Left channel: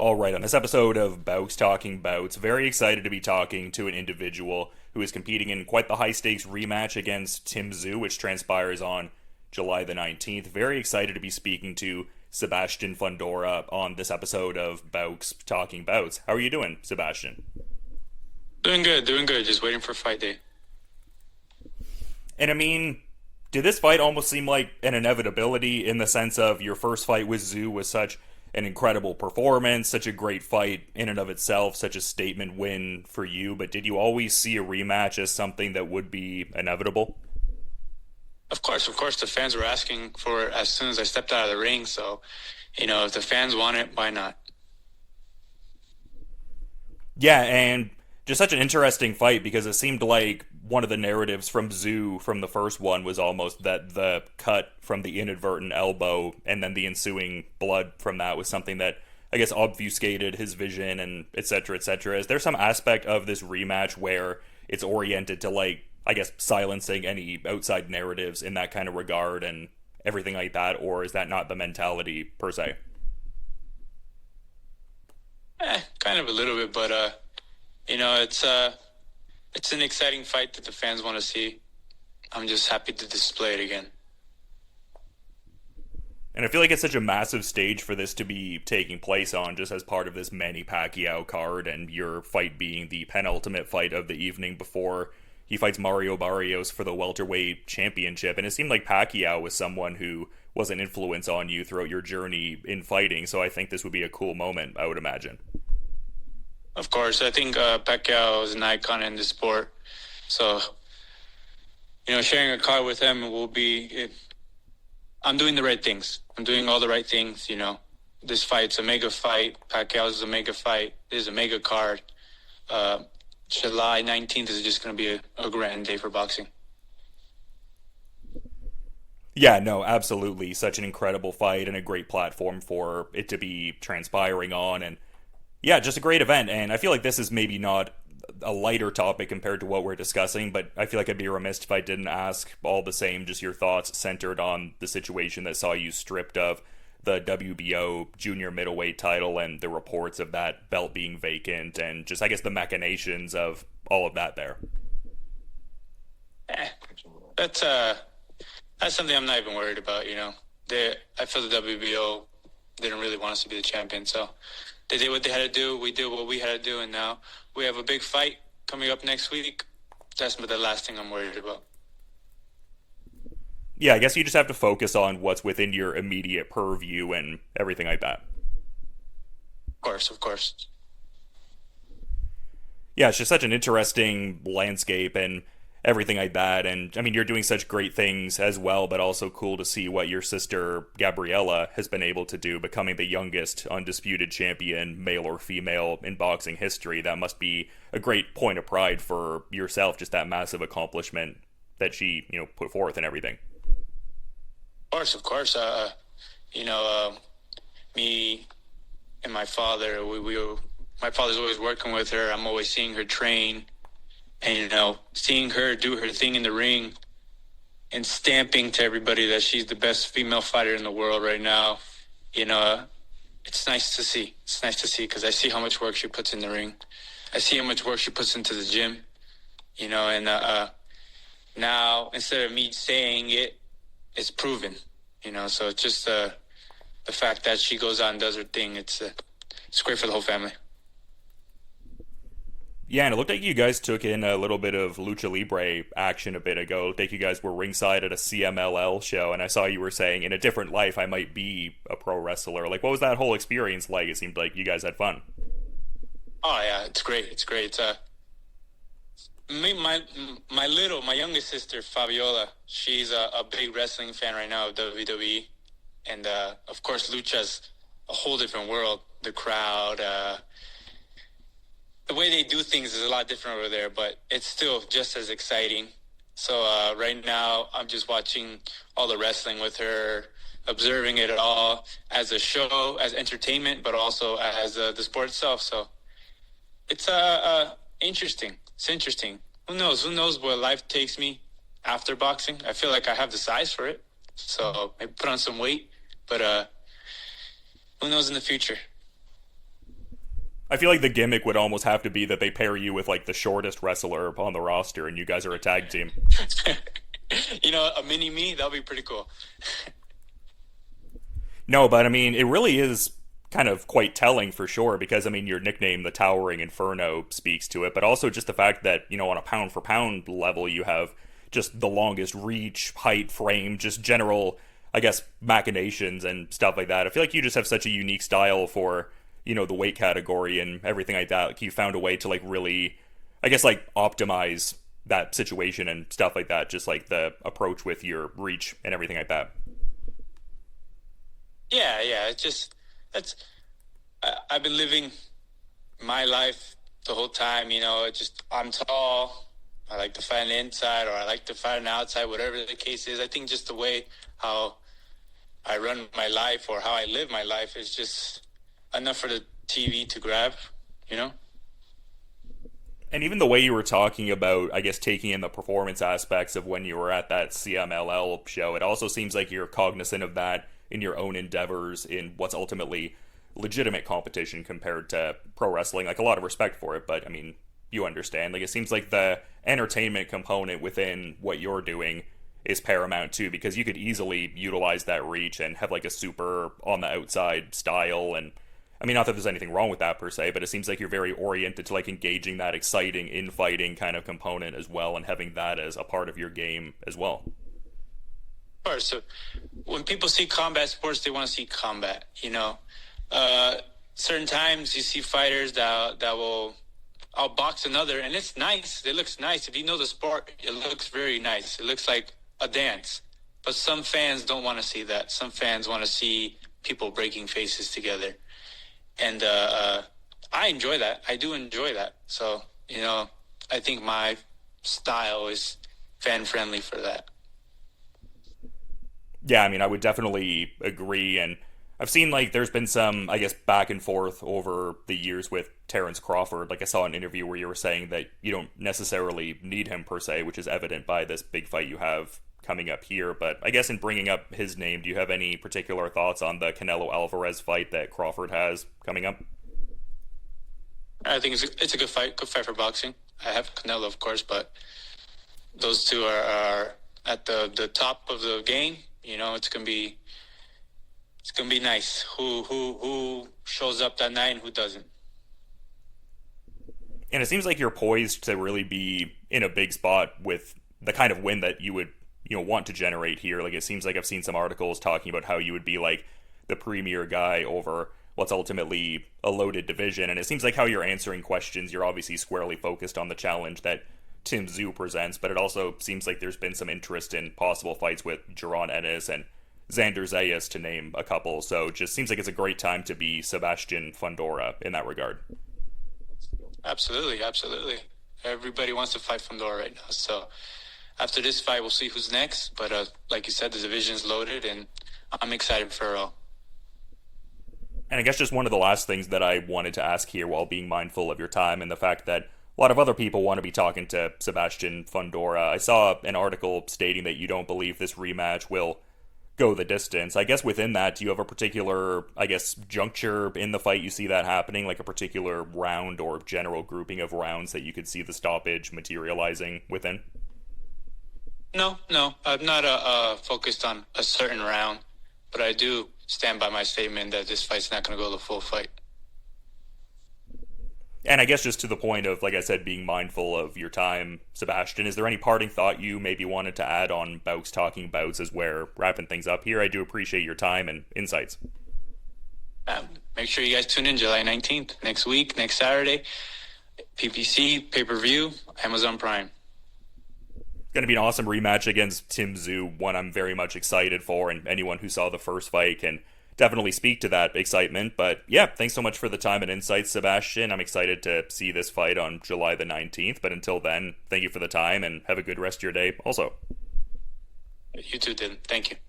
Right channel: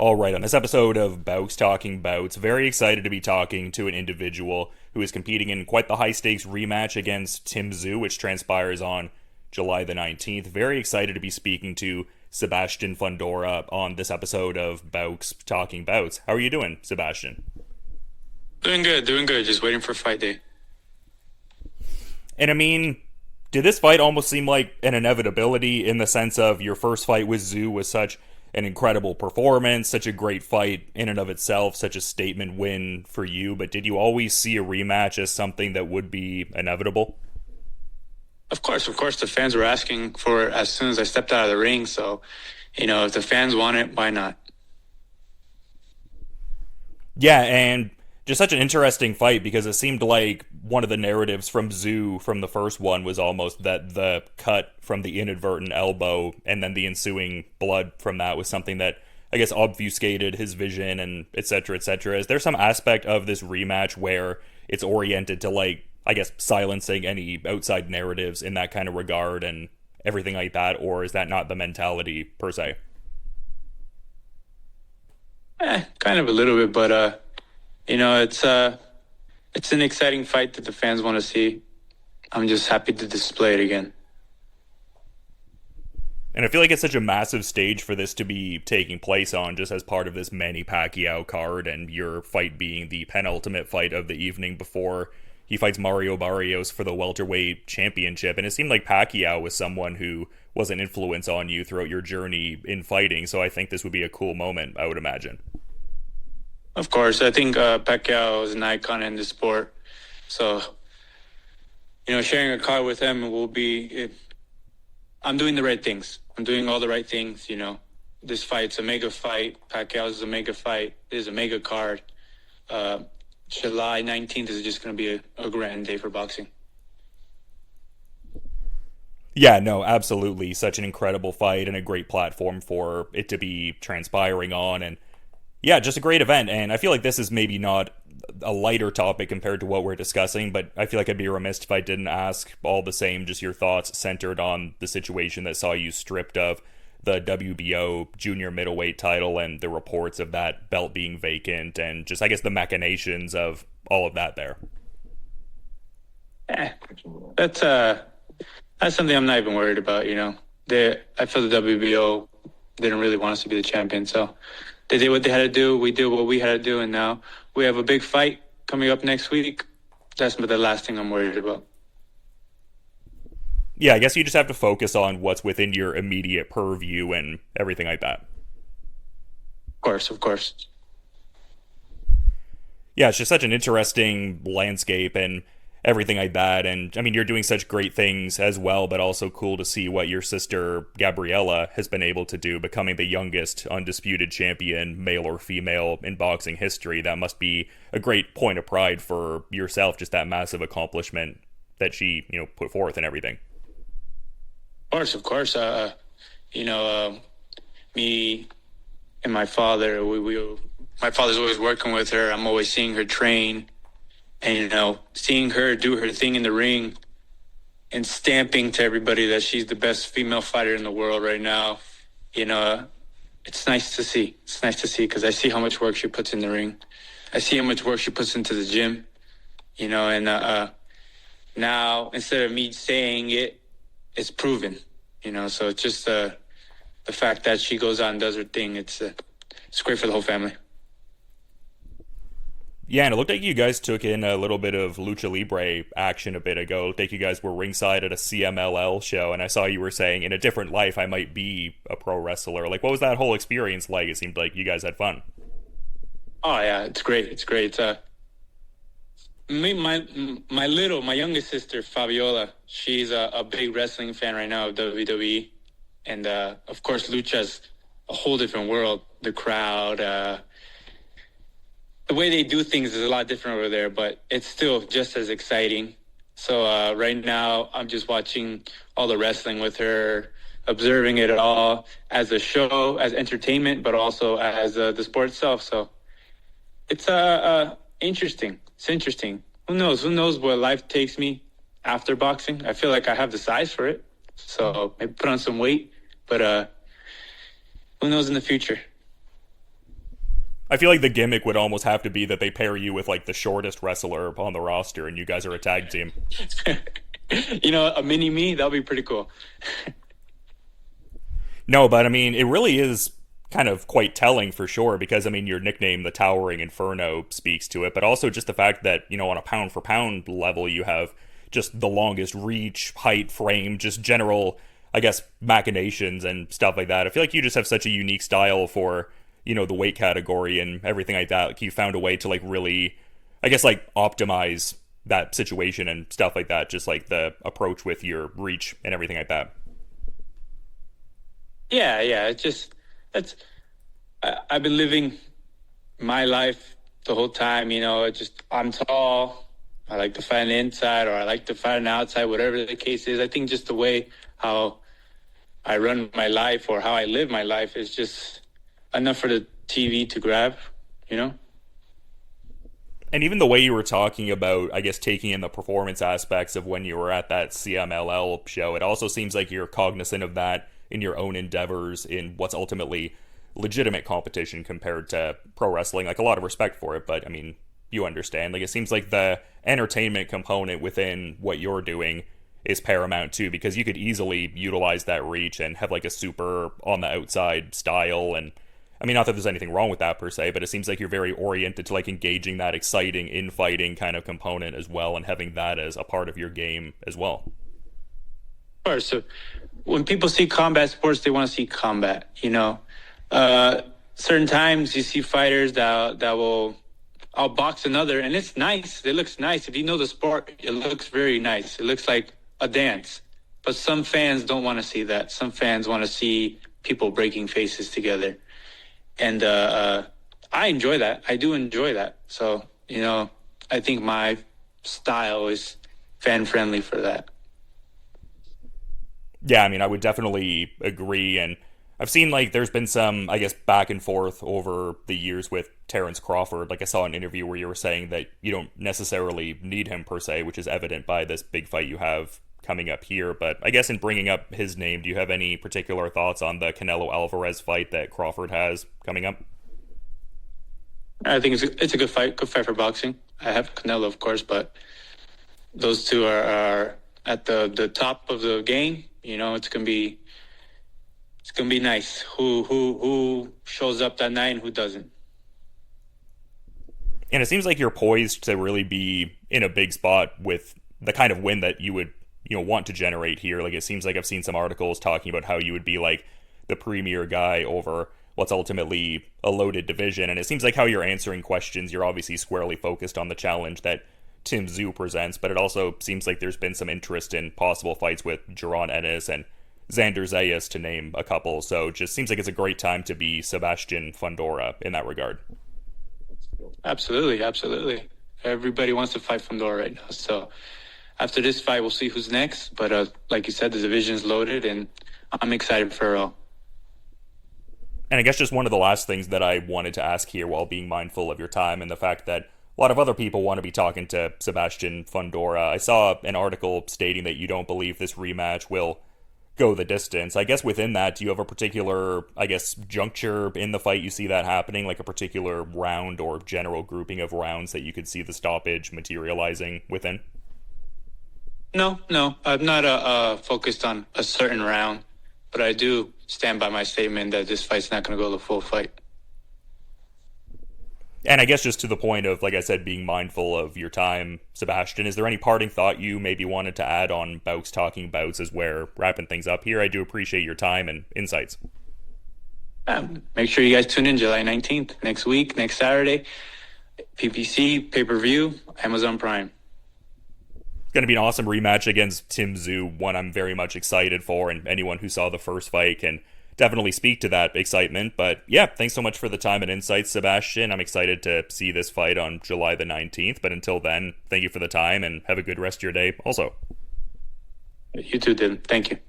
All right, on this episode of Bowks Talking Bouts, very excited to be talking to an individual who is competing in quite the high stakes rematch against Tim Tszyu, which transpires on July the 19th. Very excited to be speaking to Sebastian Fundora on this episode of Bowks Talking Bouts. How are you doing, Sebastian? Doing good, doing good. Just waiting for fight day. And I mean, did this fight almost seem like an inevitability in the sense of your first fight with Tszyu was such an incredible performance, such a great fight in and of itself, such a statement win for you, but did you always see a rematch as something that would be inevitable? Of course, the fans were asking for it as soon as I stepped out of the ring. So, if the fans want it, why not? Yeah, and just such an interesting fight because it seemed like one of the narratives from Tszyu from the first one was almost that the cut from the inadvertent elbow and then the ensuing blood from that was something that I guess obfuscated his vision and et cetera, et cetera. Is there some aspect of this rematch where it's oriented to like, I guess, silencing any outside narratives in that kind of regard and everything like that, or is that not the mentality per se? Kind of a little bit, but it's an exciting fight that the fans want to see. I'm just happy to display it again. And I feel like it's such a massive stage for this to be taking place on, just as part of this Manny Pacquiao card, and your fight being the penultimate fight of the evening before he fights Mario Barrios for the welterweight championship. And it seemed like Pacquiao was someone who was an influence on you throughout your journey in fighting, so I think this would be a cool moment, I would imagine. Of course, I think Pacquiao is an icon in the sport. So, sharing a card with him will be... I'm doing the right things. I'm doing all the right things, This fight's a mega fight. Pacquiao's a mega fight. This is a mega card. July 19th is just going to be a grand day for boxing. Yeah, no, absolutely. Such an incredible fight and a great platform for it to be transpiring on. And yeah, just a great event. And I feel like this is maybe not a lighter topic compared to what we're discussing, but I feel like I'd be remiss if I didn't ask all the same, just your thoughts centered on the situation that saw you stripped of the WBO junior middleweight title and the reports of that belt being vacant and just, I guess, the machinations of all of that there. That's something I'm not even worried about, I feel the WBO didn't really want us to be the champion, so they did what they had to do. We did what we had to do, and now we have a big fight coming up next week. That's the last thing I'm worried about. Yeah, I guess you just have to focus on what's within your immediate purview and everything like that. Of course. Yeah, it's just such an interesting landscape and everything like that. And I mean, you're doing such great things as well, but also cool to see what your sister Garbiela has been able to do, becoming the youngest undisputed champion, male or female, in boxing history. That must be a great point of pride for yourself, just that massive accomplishment that she, put forth and everything. Of course. Me and my father, my father's always working with her. I'm always seeing her train. And, seeing her do her thing in the ring and stamping to everybody that she's the best female fighter in the world right now, it's nice to see. It's nice to see because I see how much work she puts in the ring. I see how much work she puts into the gym, and now instead of me saying it, it's proven, so it's just the fact that she goes out and does her thing. It's great for the whole family. Yeah, and it looked like you guys took in a little bit of lucha libre action a bit ago. It looked like you guys were ringside at a CMLL show, and I saw you were saying, in a different life, I might be a pro wrestler. Like, what was that whole experience like? It seemed like you guys had fun. Oh, yeah, it's great. It's great. My youngest sister, Fabiola, she's a big wrestling fan right now of WWE. And, of course, lucha's a whole different world. The crowd, the way they do things is a lot different over there, but it's still just as exciting. So right now, I'm just watching all the wrestling with her, observing it all as a show, as entertainment, but also as the sport itself. So it's interesting. It's interesting. Who knows? Who knows where life takes me after boxing? I feel like I have the size for it. So maybe put on some weight, but who knows in the future? I feel like the gimmick would almost have to be that they pair you with like the shortest wrestler on the roster, and you guys are a tag team. A mini me, that'll be pretty cool. No, but I mean, it really is kind of quite telling for sure because I mean, your nickname, the Towering Inferno, speaks to it, but also just the fact that on a pound for pound level, you have just the longest reach, height, frame, just general, I guess, machinations and stuff like that. I feel like you just have such a unique style for the weight category and everything like that. Like you found a way to like really, I guess, like optimize that situation and stuff like that. Just like the approach with your reach and everything like that. Yeah. It's just I've been living my life the whole time. I'm tall. I like to fight an inside, or I like to fight an outside, whatever the case is. I think just the way how I run my life or how I live my life is just enough for the TV to grab, you know? And even the way you were talking about, I guess, taking in the performance aspects of when you were at that CMLL show, it also seems like you're cognizant of that in your own endeavors in what's ultimately legitimate competition compared to pro wrestling. Like, a lot of respect for it, but I mean, you understand. Like, it seems like the entertainment component within what you're doing is paramount too, because you could easily utilize that reach and have like a super on the outside style. And I mean, not that there's anything wrong with that per se, but it seems like you're very oriented to like engaging that exciting infighting kind of component as well, and having that as a part of your game as well. Of course. So when people see combat sports, they want to see combat, certain times you see fighters that will outbox another, and it's nice. It looks nice. If you know the sport, it looks very nice. It looks like a dance. But some fans don't want to see that. Some fans want to see people breaking faces together. And I enjoy that. I do enjoy that. So, I think my style is fan-friendly for that. Yeah, I mean, I would definitely agree. And I've seen, like, there's been some, I guess, back and forth over the years with Terrence Crawford. Like, I saw an interview where you were saying that you don't necessarily need him per se, which is evident by this big fight you have coming up here. But I guess in bringing up his name, do you have any particular thoughts on the Canelo-Alvarez fight that Crawford has coming up? I think it's a good fight for boxing. I have Canelo, of course, but those two are at the top of the game. It's gonna be nice. Who shows up that night and who doesn't? And it seems like you're poised to really be in a big spot with the kind of win that you would want to generate here. Like, it seems like I've seen some articles talking about how you would be like the premier guy over what's ultimately a loaded division. And it seems like how you're answering questions, you're obviously squarely focused on the challenge that Tim Tszyu presents, but it also seems like there's been some interest in possible fights with Jaron Ennis and Xander Zayas, to name a couple. So it just seems like it's a great time to be Sebastian Fundora in that regard. Absolutely. Everybody wants to fight Fundora right now. So after this fight, we'll see who's next. But like you said, the division's loaded, and I'm excited for it all. And I guess just one of the last things that I wanted to ask here, while being mindful of your time and the fact that a lot of other people want to be talking to Sebastian Fundora. I saw an article stating that you don't believe this rematch will go the distance. I guess within that, do you have a particular, I guess, juncture in the fight you see that happening, like a particular round or general grouping of rounds that you could see the stoppage materializing within? No, I'm not focused on a certain round, but I do stand by my statement that this fight's not going to go the full fight. And I guess just to the point of, like I said, being mindful of your time, Sebastian, is there any parting thought you maybe wanted to add on Bowks Talking Bouts as we're wrapping things up here? I do appreciate your time and insights. Make sure you guys tune in July 19th, next week, next Saturday. PPC, pay-per-view, Amazon Prime. Going to be an awesome rematch against Tim Tszyu, one I'm very much excited for, and anyone who saw the first fight can definitely speak to that excitement. But yeah, thanks so much for the time and insights, Sebastian. I'm excited to see this fight on July the 19th. But until then, thank you for the time and have a good rest of your day also. You too, Dylan. Thank you.